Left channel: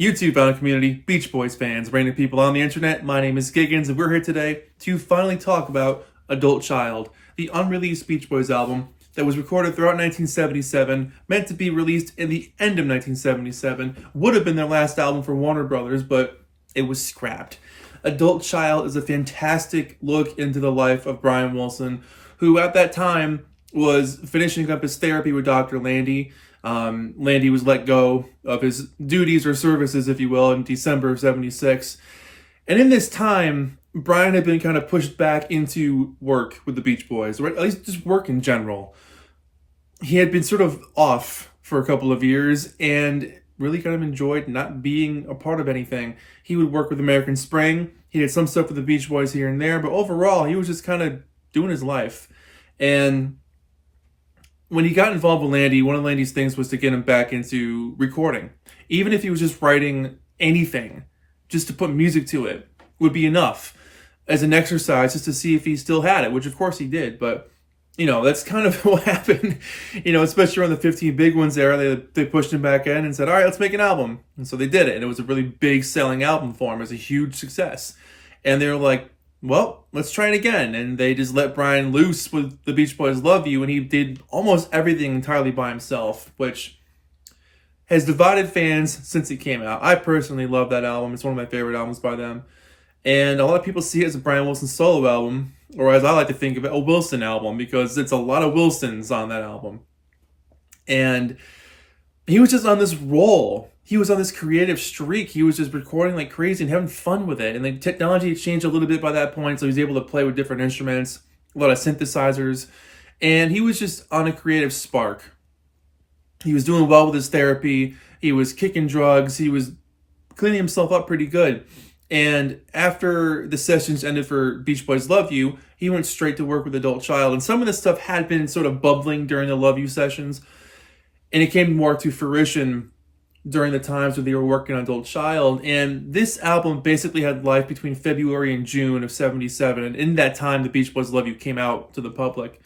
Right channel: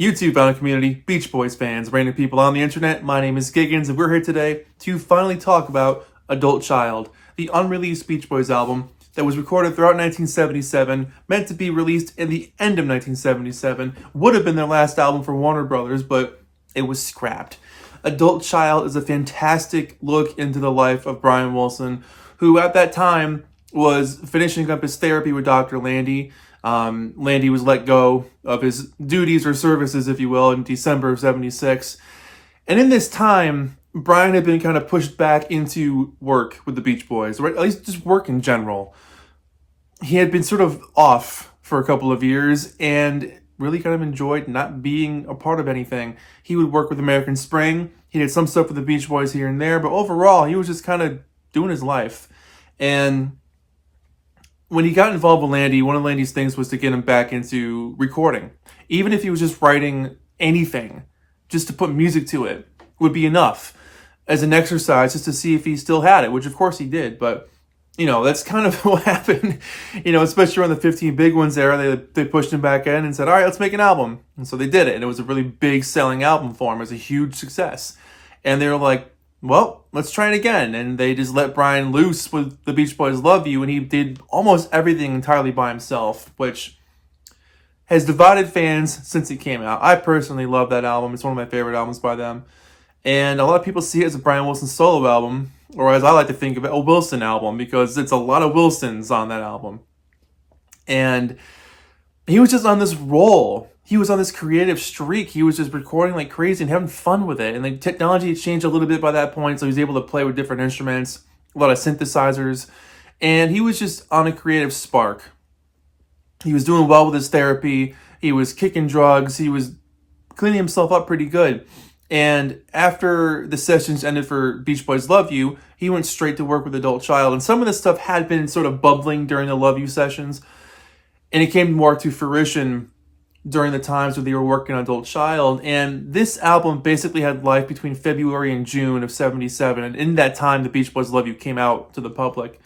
YouTube found community, Beach Boys fans, random people on the internet. My name is Giggens, and we're here today to finally talk about Adult Child, the unreleased Beach Boys album that was recorded throughout 1977, meant to be released in the end of 1977, would have been their last album for Warner Brothers, but it was scrapped. Adult Child is a fantastic look into the life of Brian Wilson, who at that time was finishing up his therapy with Dr. Landy. Landy was let go of his duties or services, if you will, in December of 76. And in this time, Brian had been kind of pushed back into work with the Beach Boys, or at least just work in general. He had been sort of off for a couple of years and really kind of enjoyed not being a part of anything. He would work with American Spring. He did some stuff with the Beach Boys here and there, but overall, he was just kind of doing his life. And when he got involved with Landy, one of Landy's things was to get him back into recording. Even if he was just writing anything, just to put music to it, would be enough as an exercise just to see if he still had it, which of course he did. But, you know, that's kind of what happened, you know, especially around the 15 Big Ones era. They pushed him back in and said, all right, let's make an album. And so they did it. And it was a really big selling album for him. It was a huge success. And they were like, well, let's try it again. And they just let Brian loose with the Beach Boys' Love You, and he did almost everything entirely by himself, which has divided fans since it came out. I personally love that album. It's one of my favorite albums by them. And a lot of people see it as a Brian Wilson solo album, or as I like to think of it, a Wilson album, because it's a lot of Wilsons on that album. And he was just on this roll. He was on this creative streak. He was just recording like crazy and having fun with it. And the technology changed a little bit by that point, so he was able to play with different instruments, a lot of synthesizers. And he was just on a creative spark. He was doing well with his therapy. He was kicking drugs. He was cleaning himself up pretty good. And after the sessions ended for Beach Boys' Love You, he went straight to work with Adult Child. And some of this stuff had been sort of bubbling during the Love You sessions. And it came more to fruition during the times when they were working on Adult Child. And this album basically had life between February and June of 77. And in that time, the Beach Boys' Love You came out to the public.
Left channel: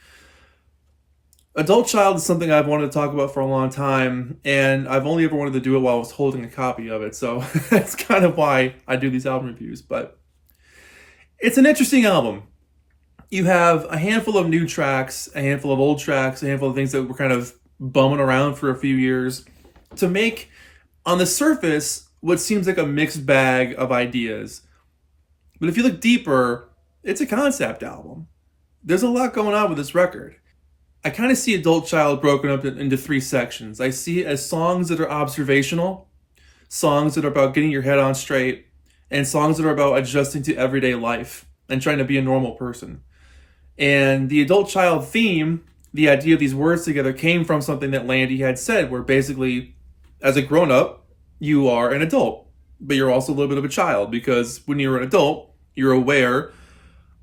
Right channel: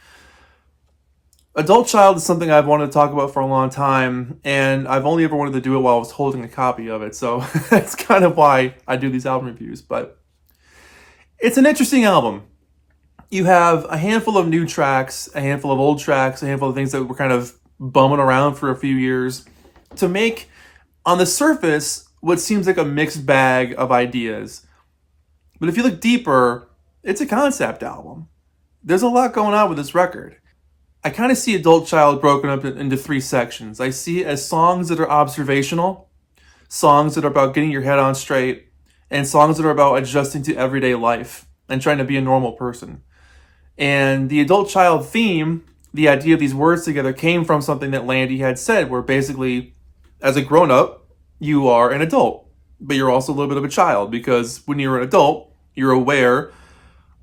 Adult Child is something I've wanted to talk about for a long time, and I've only ever wanted to do it while I was holding a copy of it. So that's kind of why I do these album reviews. But it's an interesting album. You have a handful of new tracks, a handful of old tracks, a handful of things that were kind of bumming around for a few years to make, on the surface, what seems like a mixed bag of ideas. But if you look deeper, it's a concept album. There's a lot going on with this record. I kind of see Adult Child broken up into three sections. I see it as songs that are observational, songs that are about getting your head on straight, and songs that are about adjusting to everyday life and trying to be a normal person. And the Adult Child theme, the idea of these words together, came from something that Landy had said, where basically, as a grown-up, you are an adult, but you're also a little bit of a child, because when you're an adult, you're aware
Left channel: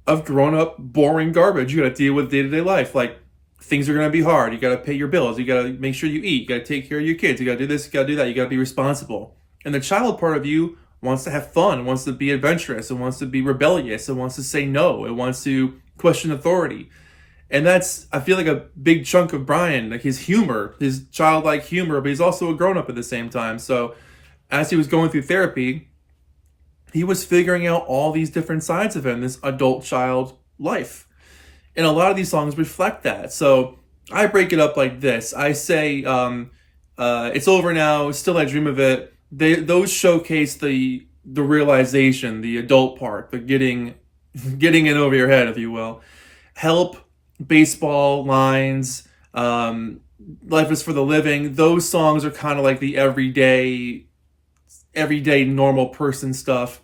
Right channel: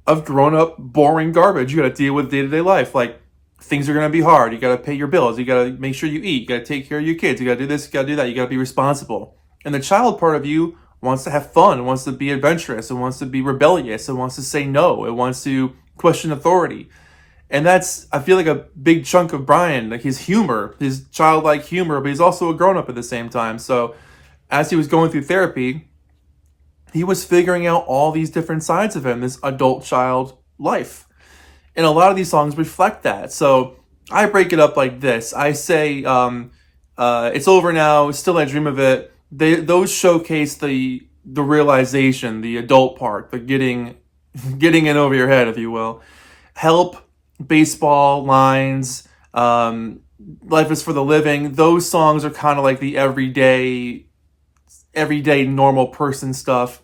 of grown-up, boring garbage you got to deal with day-to-day life. Like, things are going to be hard. You got to pay your bills. You got to make sure you eat. You got to take care of your kids. You got to do this. You got to do that. You got to be responsible. And the child part of you wants to have fun, wants to be adventurous, and wants to be rebellious, and wants to say no. It wants to question authority. And that's, I feel like, a big chunk of Brian, like his humor, his childlike humor, but he's also a grown-up at the same time. So as he was going through therapy, he was figuring out all these different sides of him, this adult child life. And a lot of these songs reflect that. So I break it up like this. I say, It's Over Now, Still I Dream of It. Those showcase the realization, the adult part, the getting it over your head, if you will. Help, Baseball, Lines, Life is for the Living. Those songs are kind of like the everyday normal person stuff.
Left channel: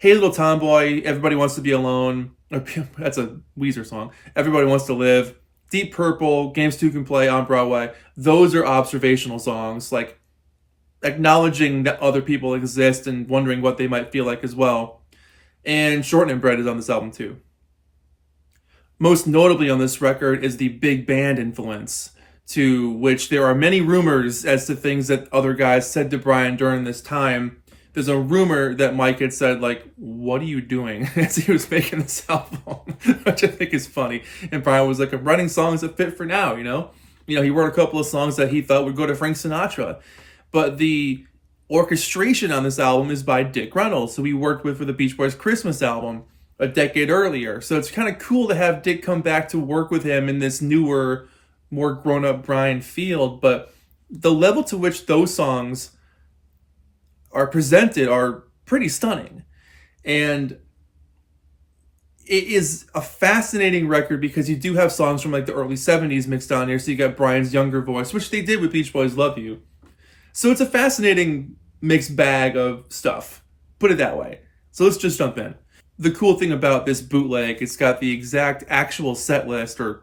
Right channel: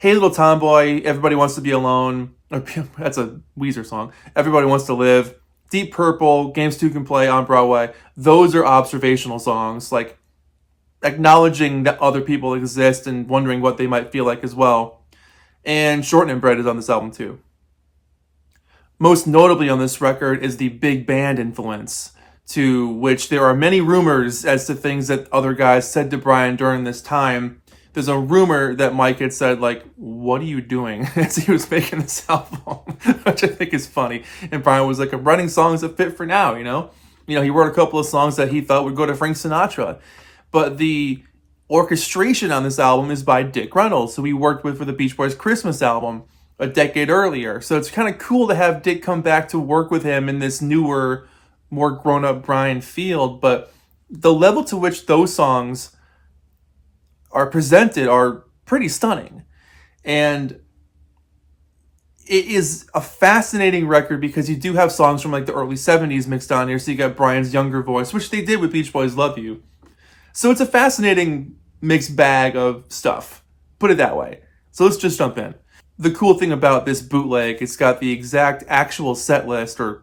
Hey Little Tomboy, Everybody Wants to Be Alone. That's a Weezer song. Everybody Wants to Live. Deep Purple, Games 2 Can Play on Broadway. Those are observational songs, like acknowledging that other people exist and wondering what they might feel like as well. And Shortening Bread is on this album too. Most notably on this record is the big band influence, to which there are many rumors as to things that other guys said to Brian during this time. There's a rumor that Mike had said, like, what are you doing, as he was making this album, which I think is funny. And Brian was like, I'm writing songs that fit for now, you know? He wrote a couple of songs that he thought would go to Frank Sinatra. But the orchestration on this album is by Dick Reynolds, who we worked with for the Beach Boys Christmas album a decade earlier. So it's kind of cool to have Dick come back to work with him in this newer, more grown-up Brian Field. But the level to which those songs are presented are pretty stunning. And it is a fascinating record because you do have songs from like the early 70s mixed on here. So you got Brian's younger voice, which they did with Beach Boys Love You. So it's a fascinating mixed bag of stuff. Put it that way. So let's just jump in. The cool thing about this bootleg, it's got the exact actual set list or,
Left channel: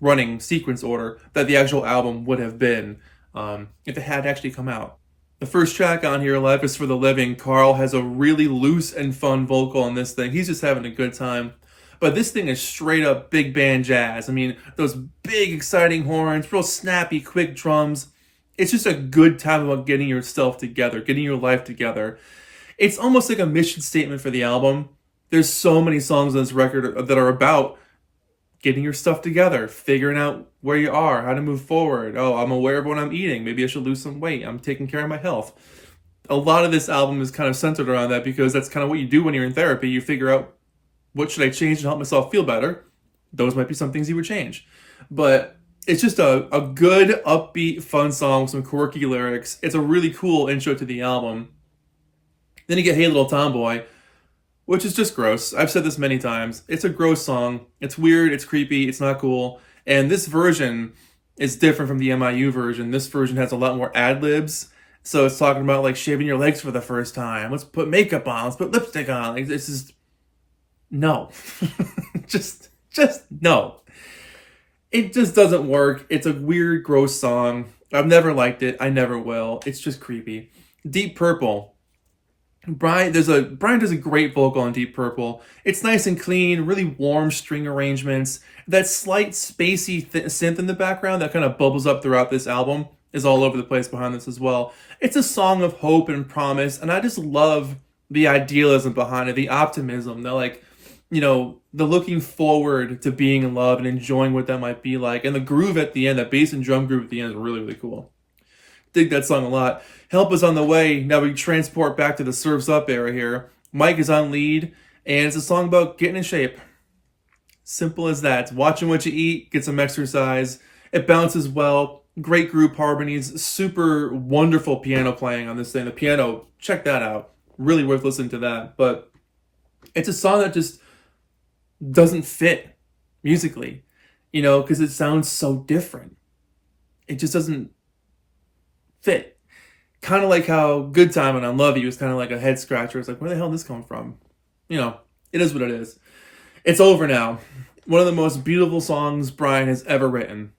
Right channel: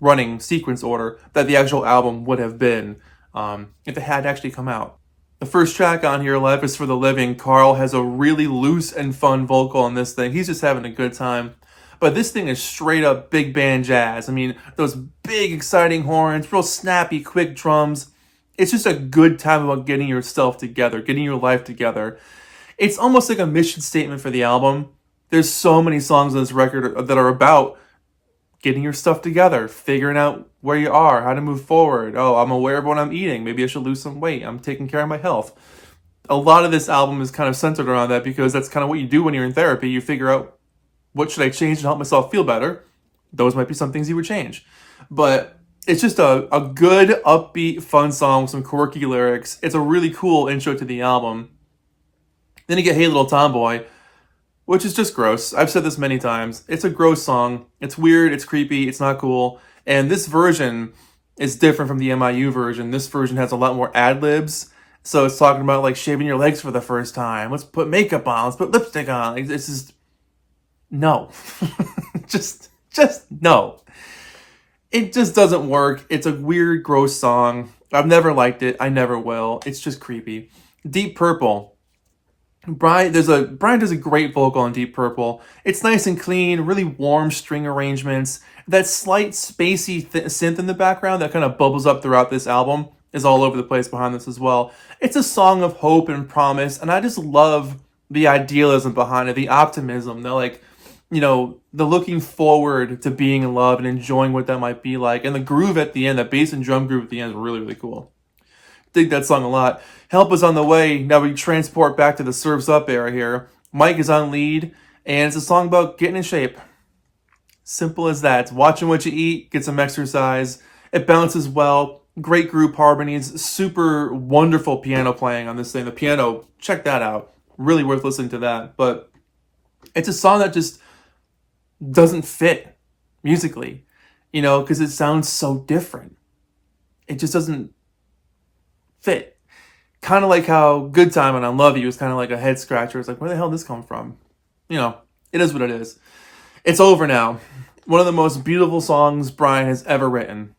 running sequence order that the actual album would have been if it had actually come out. The first track on here, Life is for the Living, Carl has a really loose and fun vocal on this thing. He's just having a good time. But this thing is straight up big band jazz. I mean, those big exciting horns, real snappy, quick drums. It's just a good time about getting yourself together, getting your life together. It's almost like a mission statement for the album. There's so many songs on this record that are about getting your stuff together, figuring out where you are, how to move forward. Oh, I'm aware of what I'm eating. Maybe I should lose some weight. I'm taking care of my health. A lot of this album is kind of centered around that because that's kind of what you do when you're in therapy. You figure out, what should I change to help myself feel better? Those might be some things you would change. But it's just a good, upbeat, fun song with some quirky lyrics. It's a really cool intro to the album. Then you get Hey Little Tomboy, which is just gross. I've said this many times. It's a gross song. It's weird, it's creepy, it's not cool. And this version is different from the MIU version. This version has a lot more ad-libs. So it's talking about like shaving your legs for the first time. Let's put makeup on, let's put lipstick on. It's just, no. just no. It just doesn't work. It's a weird, gross song. I've never liked it. I never will. It's just creepy. Deep Purple. Brian does a great vocal on Deep Purple. It's nice and clean, really warm string arrangements. That slight spacey synth in the background that kind of bubbles up throughout this album is all over the place behind this as well. It's a song of hope and promise, and I just love the idealism behind it, the optimism, the looking forward to being in love and enjoying what that might be like. And the groove at the end, that bass and drum groove at the end is really, really cool. Dig that song a lot. Help is on the way. Now we transport back to the Surf's Up era here. Mike is on lead, and it's a song about getting in shape. Simple as that. Watching what you eat, get some exercise. It bounces well. Great group harmonies. Super wonderful piano playing on this thing. The piano, check that out. Really worth listening to that. But it's a song that just doesn't fit musically, because it sounds so different. It just doesn't fit. Kind of like how Good Time and I Love You is kind of like a head scratcher. It's like, where the hell did this come from? It is what it is. It's over now. One of the most beautiful songs Brian has ever written.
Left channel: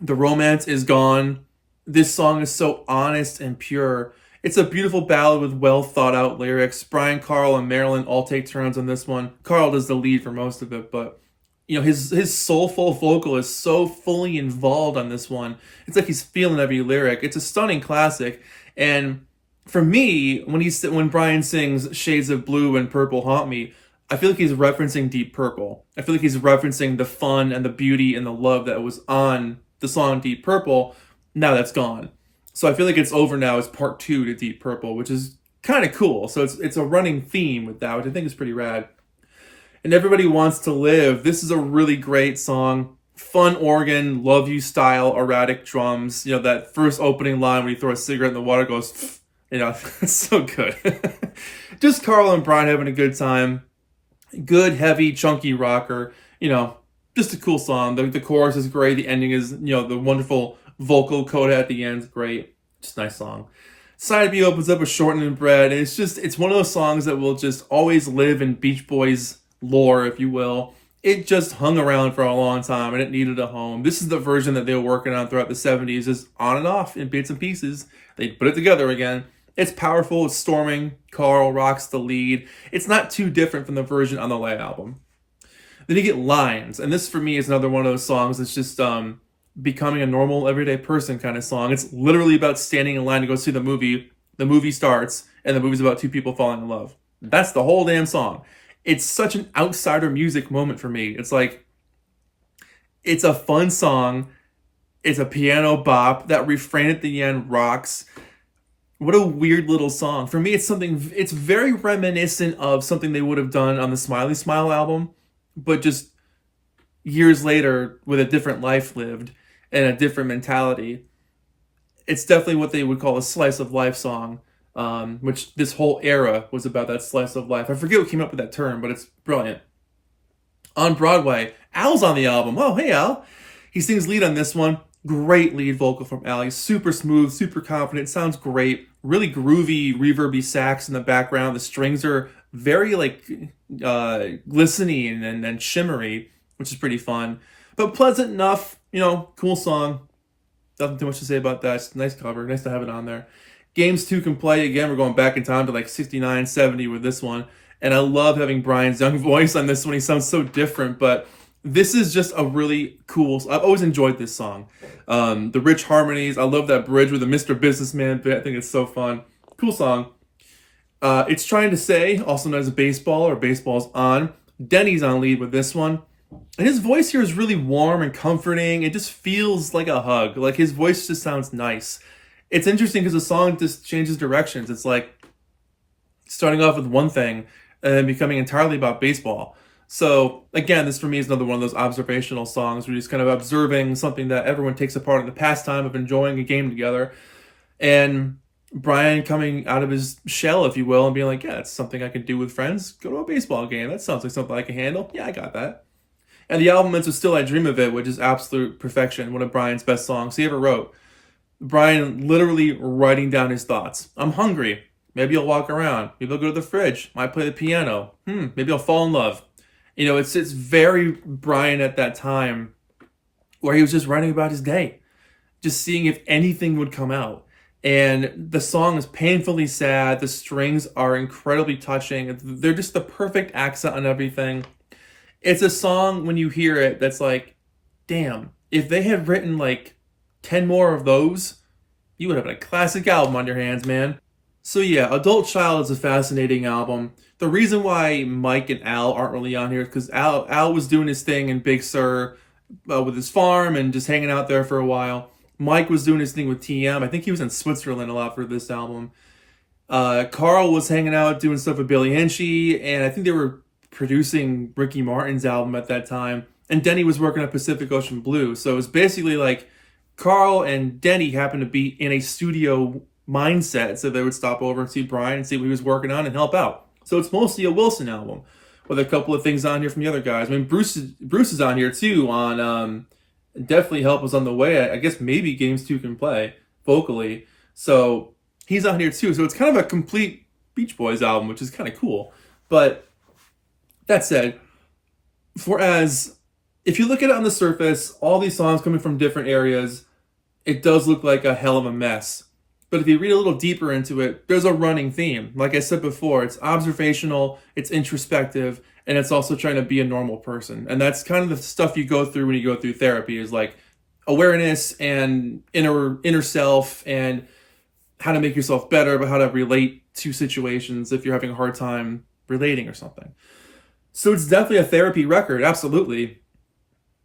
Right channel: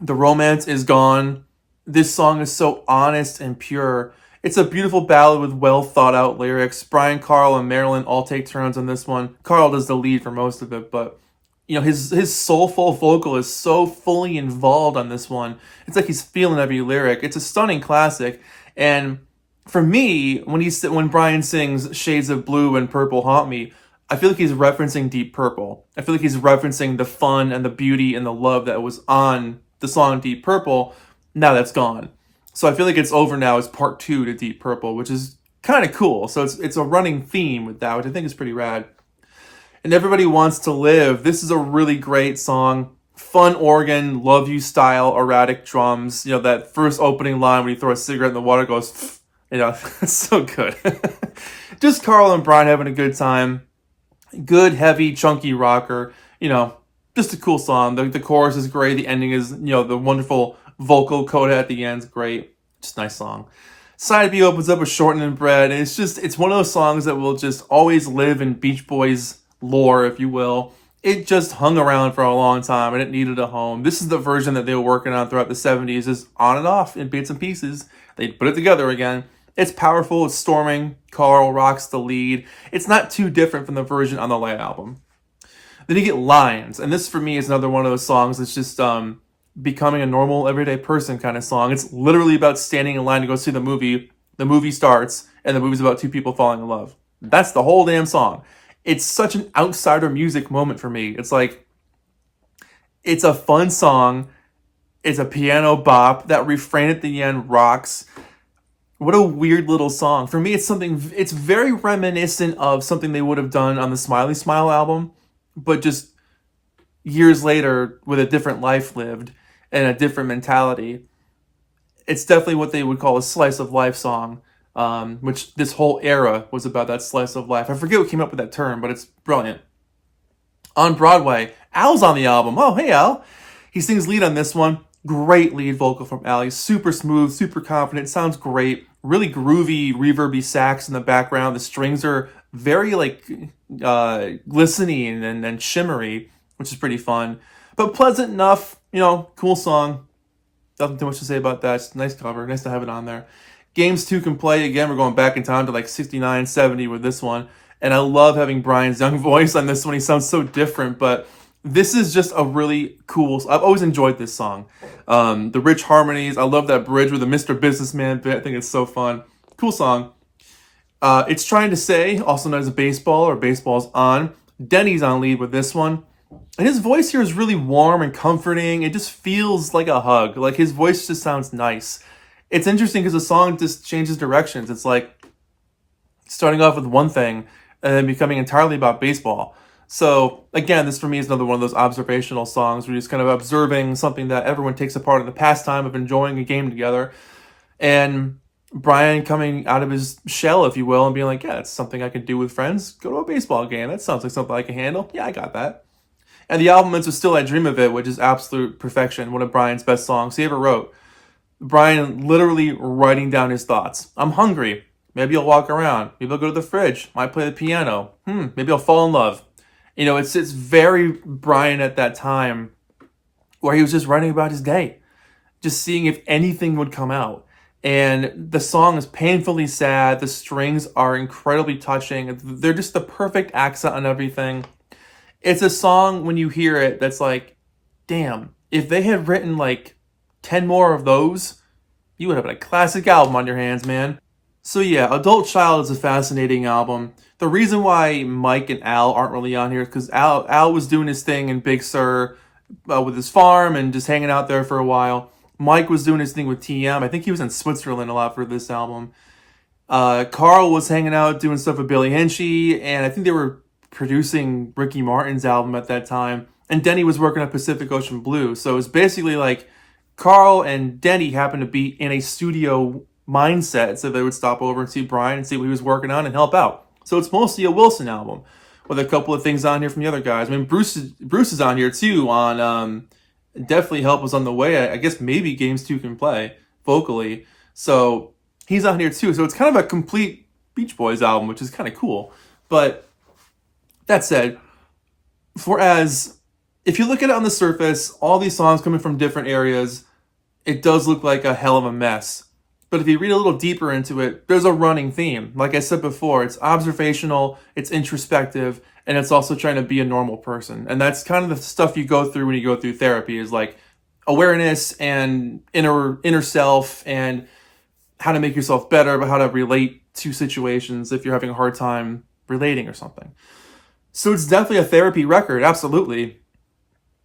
The romance is gone. This song is so honest and pure. It's a beautiful ballad with well thought out lyrics. Brian, Carl, and Marilyn all take turns on this one. Carl does the lead for most of it, but his soulful vocal is so fully involved on this one. It's like he's feeling every lyric. It's a stunning classic. And for me, when Brian sings Shades of Blue and Purple Haunt Me, I feel like he's referencing Deep Purple. I feel like he's referencing the fun and the beauty and the love that was on the song Deep Purple. Now that's gone. So I feel like it's over now as part 2 to Deep Purple, which is kind of cool. So it's a running theme with that, which I think is pretty rad. And Everybody Wants to Live. This is a really great song. Fun organ, love you style, erratic drums. That first opening line where you throw a cigarette in the water goes, it's so good. Just Carl and Brian having a good time. Good, heavy, chunky rocker. Just a cool song. The chorus is great. The ending is, the wonderful vocal coda at the end is great. Just a nice song. Side B opens up with Shortened and Bread. And it's one of those songs that will just always live in Beach Boys lore, if you will. It just hung around for a long time and it needed a home. This is the version that they were working on throughout the 70s, just on and off in bits and pieces. They put it together again. It's powerful, it's storming. Carl rocks the lead. It's not too different from the version on the Light album. Then you get Lines, and this for me is another one of those songs that's just becoming a normal, everyday person kind of song. It's literally about standing in line to go see the movie. The movie starts, and the movie's about 2 people falling in love. That's the whole damn song. It's such an outsider music moment for me. It's like, it's a fun song. It's a piano bop. That refrain at the end rocks. What a weird little song. For me, it's very reminiscent of something they would have done on the Smiley Smile album, but just years later with a different life lived and a different mentality. It's definitely what they would call a slice of life song, which this whole era was about, that slice of life. I forget what came up with that term, but it's brilliant. On Broadway, Al's on the album. Oh, hey, Al. He sings lead on this one. Great lead vocal from Al. He's super smooth, super confident, sounds great. Really groovy, reverby sax in the background. The strings are very glistening and shimmery, which is pretty fun. But pleasant enough, cool song. Nothing too much to say about that. It's a nice cover. Nice to have it on there. Games 2 Can Play. Again, we're going back in time to 69, 70 with this one. And I love having Brian's young voice on this one. He sounds so different, but this is just a really cool... I've always enjoyed this song. The rich harmonies. I love that bridge with the Mr. Businessman bit. I think it's so fun. Cool song. It's Trying to Say, also known as Baseball or Baseball's On. Denny's on lead with this one. And his voice here is really warm and comforting. It just feels like a hug. Like, his voice just sounds nice. It's interesting because the song just changes directions. It's like starting off with one thing and then becoming entirely about baseball. So, again, this for me is another one of those observational songs where you're just kind of observing something that everyone takes a part in the pastime of enjoying a game together. And Brian coming out of his shell, if you will, and being like, yeah, that's something I can do with friends. Go to a baseball game. That sounds like something I can handle. Yeah, I got that. And the album ends with Still I Dream of It, which is absolute perfection. One of Brian's best songs he ever wrote. Brian literally writing down his thoughts. I'm hungry. Maybe I'll walk around. Maybe I'll go to the fridge. Might play the piano. Maybe I'll fall in love. It's very Brian at that time where he was just writing about his day. Just seeing if anything would come out. And the song is painfully sad. The strings are incredibly touching. They're just the perfect accent on everything. It's a song, when you hear it, that's like, damn, if they had written 10 more of those, you would have a classic album on your hands, man. So yeah, Adult Child is a fascinating album. The reason why Mike and Al aren't really on here is because Al was doing his thing in Big Sur with his farm and just hanging out there for a while. Mike was doing his thing with TM. I think he was in Switzerland a lot for this album. Carl was hanging out doing stuff with Billy Hinsche, and I think they were producing Ricky Martin's album at that time. And Denny was working on Pacific Ocean Blue. So it was basically like Carl and Denny happened to be in a studio mindset, so they would stop over and see Brian and see what he was working on and help out. So it's mostly a Wilson album with a couple of things on here from the other guys. I mean, Bruce is on here too on Definitely Help Was on the Way. I guess maybe Games 2 Can Play vocally. So he's on here too. So it's kind of a complete Beach Boys album, which is kind of cool. But that said, if you look at it on the surface, all these songs coming from different areas, it does look like a hell of a mess. But if you read a little deeper into it, there's a running theme. Like I said before, it's observational, it's introspective, and it's also trying to be a normal person. And that's kind of the stuff you go through when you go through therapy, is like awareness and inner self and how to make yourself better, but how to relate to situations if you're having a hard time relating or something. So it's definitely a therapy record, absolutely.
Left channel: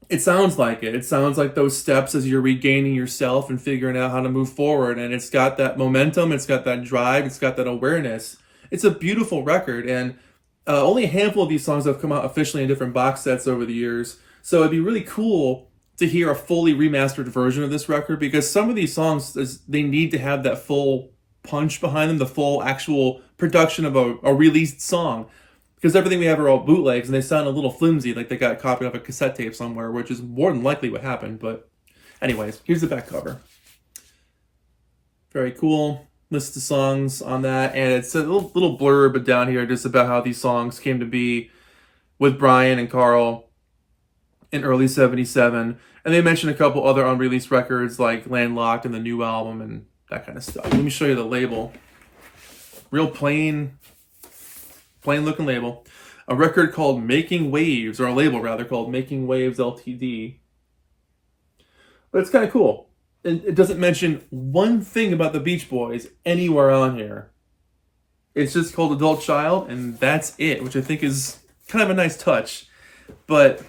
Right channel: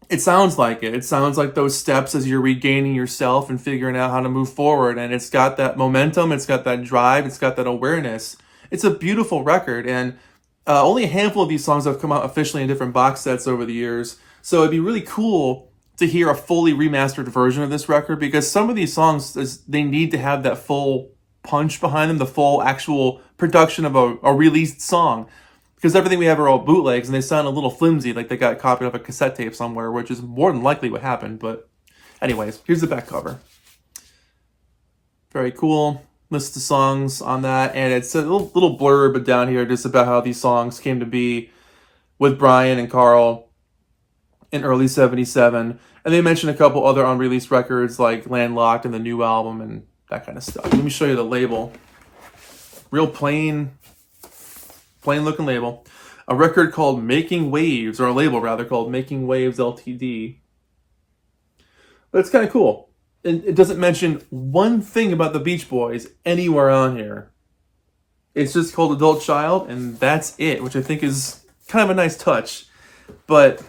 It sounds like it. It sounds like those steps as you're regaining yourself and figuring out how to move forward. And it's got that momentum, it's got that drive, it's got that awareness. It's a beautiful record, and only a handful of these songs have come out officially in different box sets over the years. So it'd be really cool to hear a fully remastered version of this record, because some of these songs, they need to have that full punch behind them, the full actual production of a released song. Because everything we have are all bootlegs, and they sound a little flimsy, like they got copied off a cassette tape somewhere, which is more than likely what happened. But anyways, here's the back cover. Very cool. List of songs on that, and it's a little blurb down here just about how these songs came to be with Brian and Carl in early 77. And they mention a couple other unreleased records like Landlocked and the new album and that kind of stuff. Let me show you the label. Real plain looking label. A record called Making Waves, or a label rather called Making Waves Ltd. But it's kind of cool. It doesn't mention one thing about the Beach Boys anywhere on here. It's just called Adult Child, and that's it, which I think is kind of a nice touch. But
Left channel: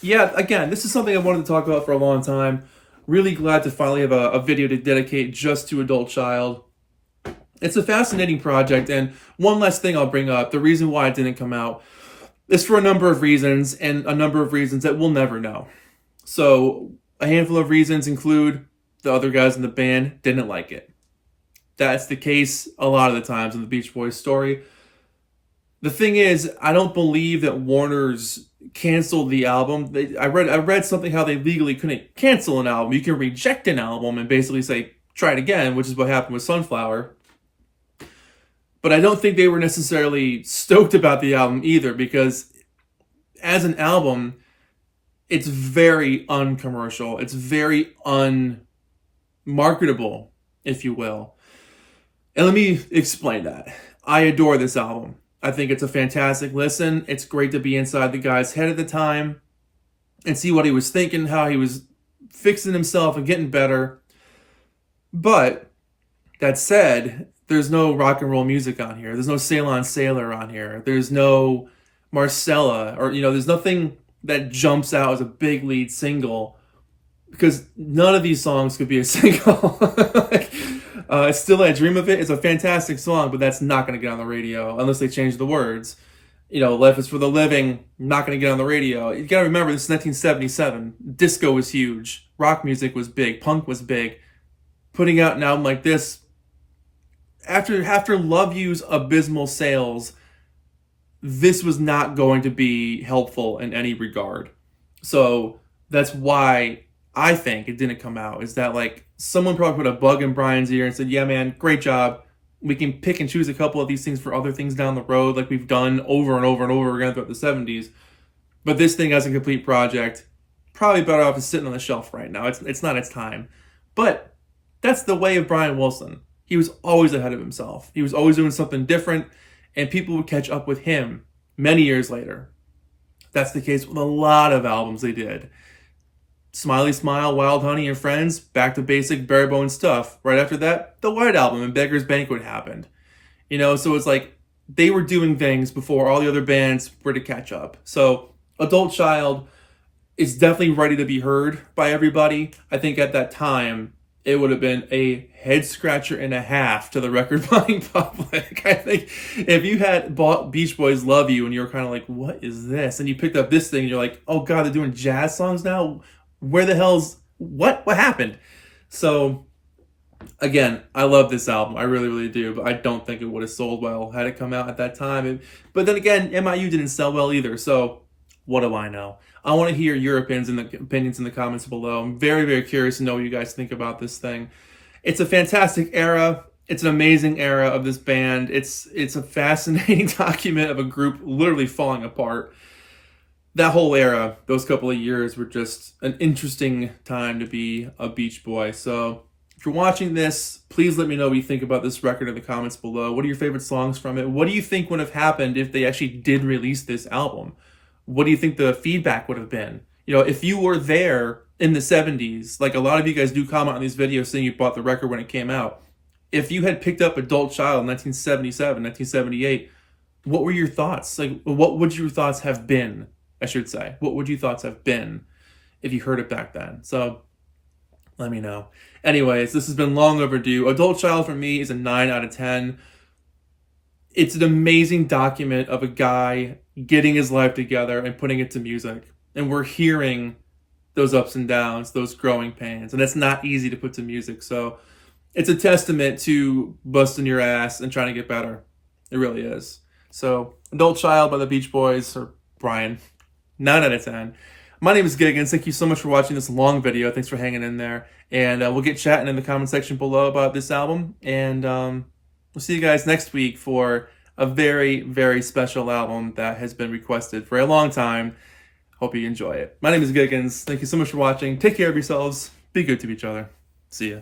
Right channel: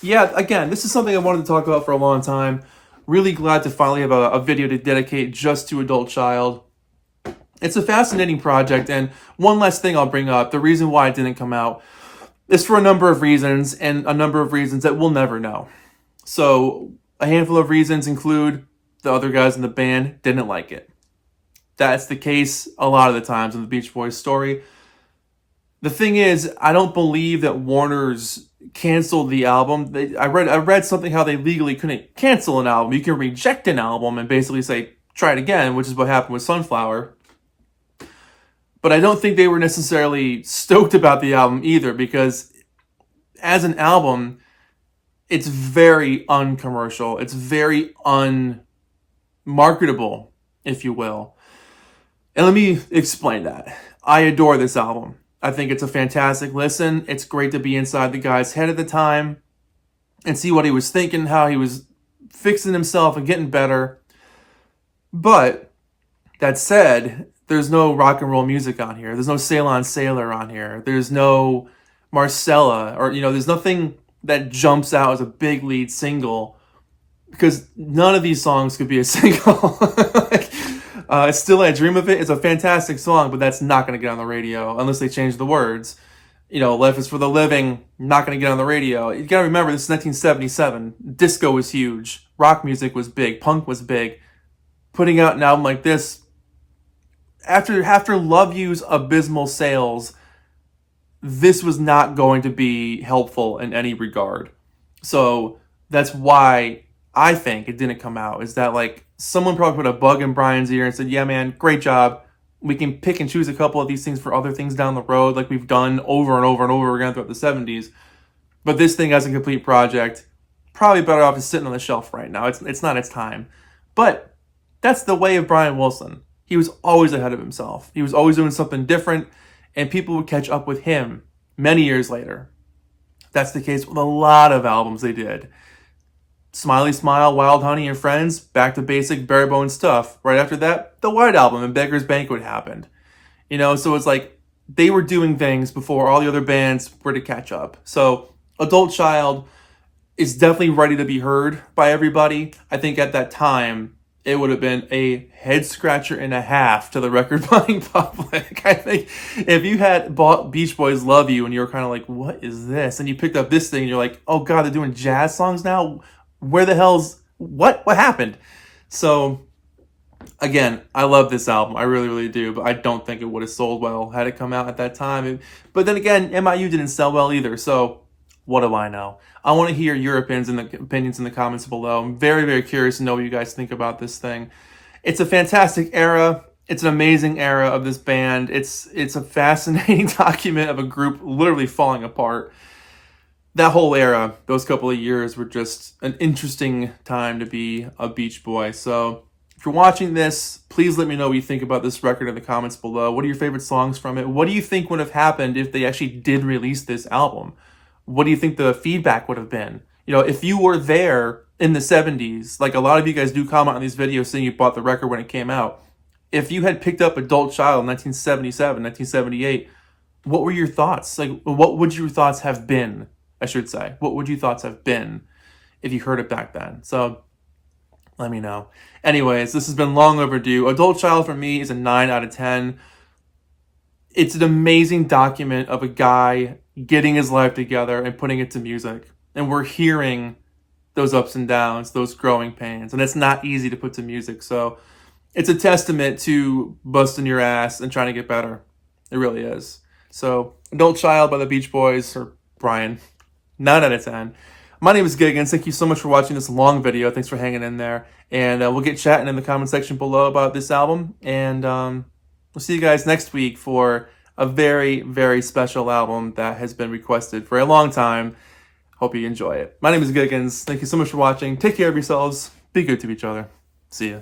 yeah, again, this is something I wanted to talk about for a long time. Really glad to finally have a video to dedicate just to Adult Child. It's a fascinating project, and one last thing I'll bring up, the reason why it didn't come out is for a number of reasons, and a number of reasons that we'll never know. So a handful of reasons include the other guys in the band didn't like it. That's the case a lot of the times in the Beach Boys story. The thing is, I don't believe that Warner's canceled the album. I read something how they legally couldn't cancel an album. You can reject an album and basically say, try it again, which is what happened with Sunflower. But I don't think they were necessarily stoked about the album either, because as an album, it's very uncommercial. It's very unmarketable, if you will. And let me explain that. I adore this album. I think it's a fantastic listen. It's great to be inside the guy's head at the time and see what he was thinking, how he was fixing himself and getting better. But that said, there's no rock and roll music on here. There's no Ceylon Sailor on here. There's no Marcella, or, there's nothing that jumps out as a big lead single, because none of these songs could be a single. Still I Dream of It is a fantastic song, but that's not going to get on the radio unless they change the words. Life is for the Living, not going to get on the radio. You got to remember, this is 1977. Disco was huge. Rock music was big. Punk was big. Putting out an album like this, after Love You's abysmal sales, this was not going to be helpful in any regard. So that's why I think it didn't come out, is that someone probably put a bug in Brian's ear and said, yeah, man, great job. We can pick and choose a couple of these things for other things down the road, like we've done over and over and over again throughout the 70s. But this thing as a complete project, probably better off is sitting on the shelf right now. It's not its time. But that's the way of Brian Wilson. He was always ahead of himself. He was always doing something different, and people would catch up with him many years later. That's the case with a lot of albums they did. Smiley Smile, Wild Honey, and Friends, back to basic, bare bones stuff. Right after that, the White Album and Beggar's Banquet happened. So it's like they were doing things before all the other bands were to catch up. So Adult Child is definitely ready to be heard by everybody. I think at that time, it would have been a head scratcher and a half to the record buying public. I think if you had bought Beach Boys Love You and you were kind of like, what is this? And you picked up this thing and you're like, oh God, they're doing jazz songs now? Where the hell's, what happened? So again, I love this album. I really, really do. But I don't think it would have sold well had it come out at that time. But then again, MIU didn't sell well either. So what do I know? I want to hear your opinions in the comments below. I'm very, very curious to know what you guys think about this thing. It's a fantastic era. It's an amazing era of this band. It's a fascinating document of a group literally falling apart. That whole era, those couple of years, were just an interesting time to be a Beach Boy. So if you're watching this, please let me know what you think about this record in the comments below. What are your favorite songs from it? What do you think would have happened if they actually did release this album? What do you think the feedback would have been? If you were there in the 70s, like a lot of you guys do comment on these videos saying you bought the record when it came out. If you had picked up Adult Child in 1977, 1978, what were your thoughts? What would your thoughts have been, I should say? What would your thoughts have been if you heard it back then? So let me know. Anyways, this has been long overdue. Adult Child for me is a 9 out of 10. It's an amazing document of a guy getting his life together and putting it to music. And we're hearing those ups and downs, those growing pains. And it's not easy to put to music. So it's a testament to busting your ass and trying to get better. It really is. So Adult Child by the Beach Boys, or Brian, 9 out of 10. My name is Giggens. Thank you so much for watching this long video. Thanks for hanging in there. And we'll get chatting in the comment section below about this album. And we'll see you guys next week for a very, very special album that has been requested for a long time. Hope you enjoy it. My name is Giggens. Thank you so much for watching. Take care of yourselves. Be good to each other. See ya.